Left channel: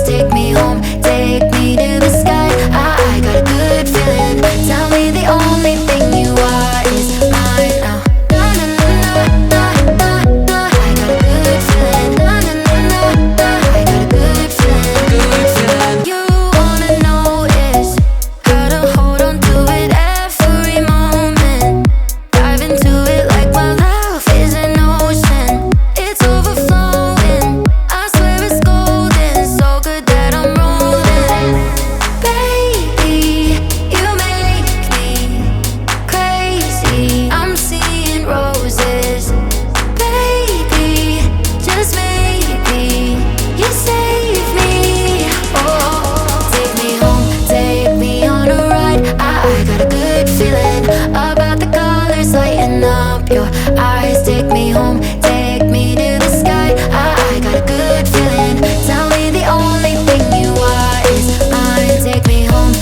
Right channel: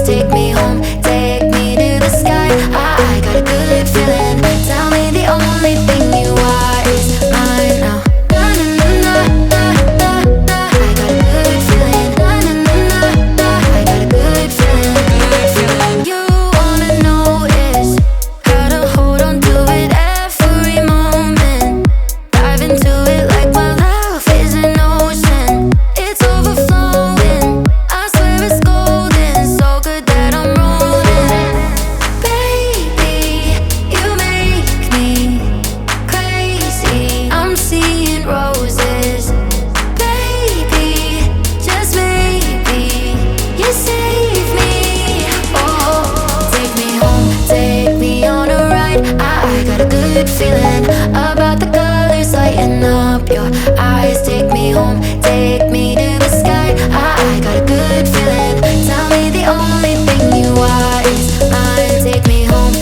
eyes take me home, take me to the sky. I got a good feeling. Tell me the only thing you are is mine now. I got a good feeling. I got a good feeling. Good feeling. You wanna know is how to hold on to it every moment. Dive into it like my love is an ocean. It's overflowing. I swear it's golden. So good that I'm rolling. Baby, you make me crazy. I'm seeing roses. Baby, just maybe you save me. Oh, take me home, take me on a ride. I got a good feeling about the colors lighting up your eyes. Take me home, take me to the sky. I got a good feeling. Tell me the only thing you are is mine. Take me home,